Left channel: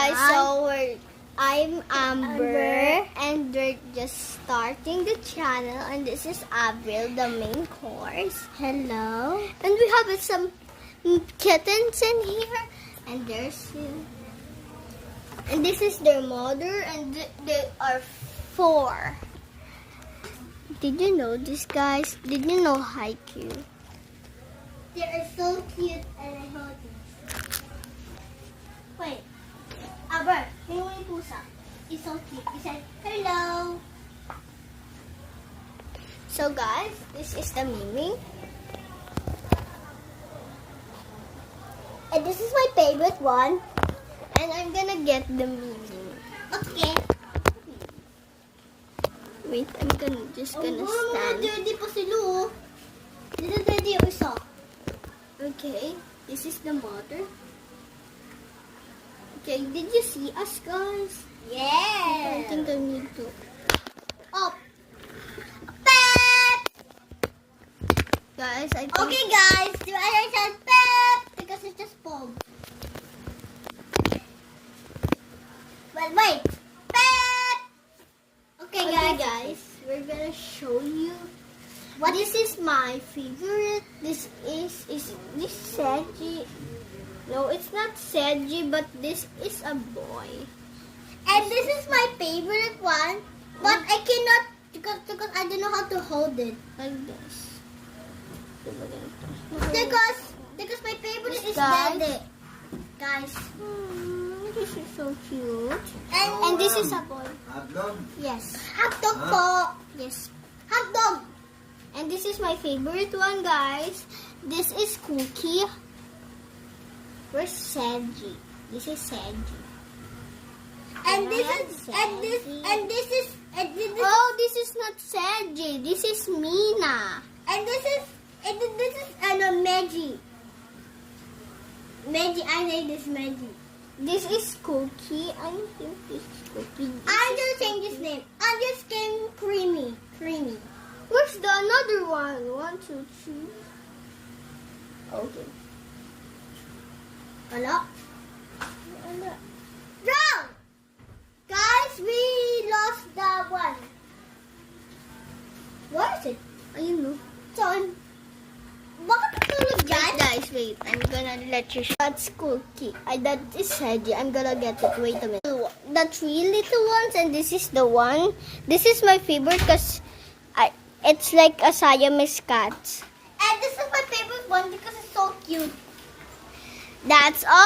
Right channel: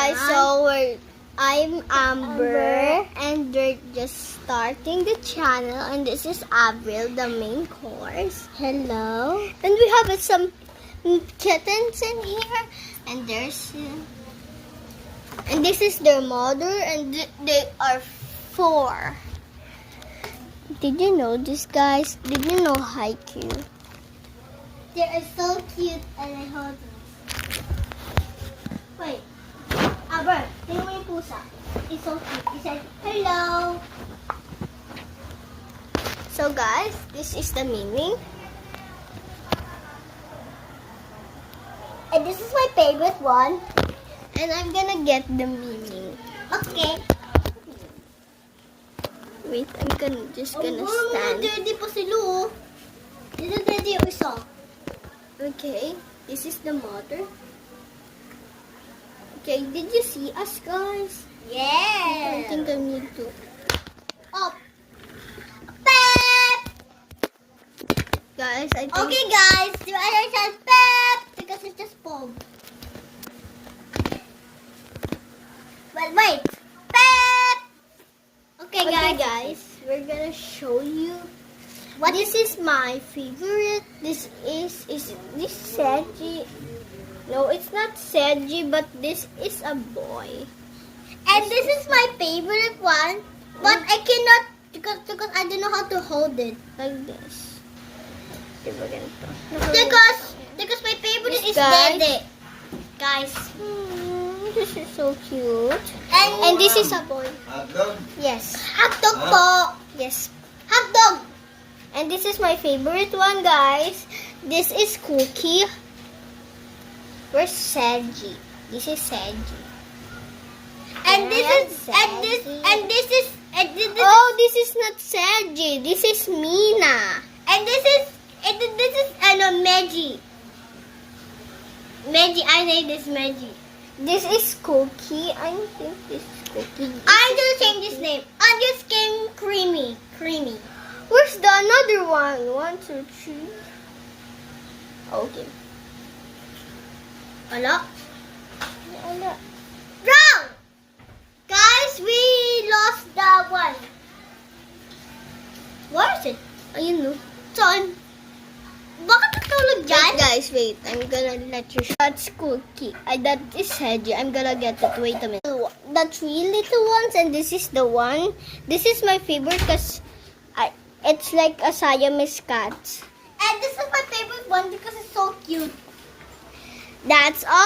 guys, I'm Amber, and we're just starting the channel, and this is Avril, the main course. Hello. And we have some kittens in here, and and this is their mother, and they are 4. Did you know this, guys? Did you know Haikyuu? They are so cute, and I hold them. Wait. Aber, tingnan mo yung pusa. He's so cute. He said, hello. So guys, this is the Mimi. And this is my favorite one. And I'm gonna get the Mimi. Okay. Wait, I'm just gonna stand. Daddy pa sila, oh. Dito daddy yung isa. Okay, this is the mother. Okay, did you see us, guys? Yeah. I think I need to. Oh. Pep. Guys, I think. Okay, guys. Do I say Pep? Because it's just Bob. Well, wait. Pep. Okay, guys. We're gonna show you. What this is my favorite. This is this Seji. No, it's not Seji, but this is a boy. And this is my favorite one, but I cannot because I don't know how to hold it like this. Because my favorite is Dede. Guys, this is so cute. And this is a boy. Hot dog? Yes. Hot dog po. Yes. Hot dog. And this is my favorite one, guys. This is Cookie. Where's Seji? This is Seji. And this is this is not Seji. This is Mina. And this is Meji. Meji, I say this Meji. This is Cookie. I think this is Cookie. I'm gonna change his name. I'm just getting Creamy. Creamy. Where's the another one? 1, 2, 3. Okay. Wala. Wrong! Guys, we lost the one. Where is it? Ayun, no? Saan? Bakit natulog dyan? Wait, guys, wait. I'm gonna let you show. That's Cookie. That is Seji. I'm gonna get it. Wait a minute. The 3 little ones, and this is the one. This is my favorite because it's like a Siamese cat. And this is my favorite one because it's so cute. That's all.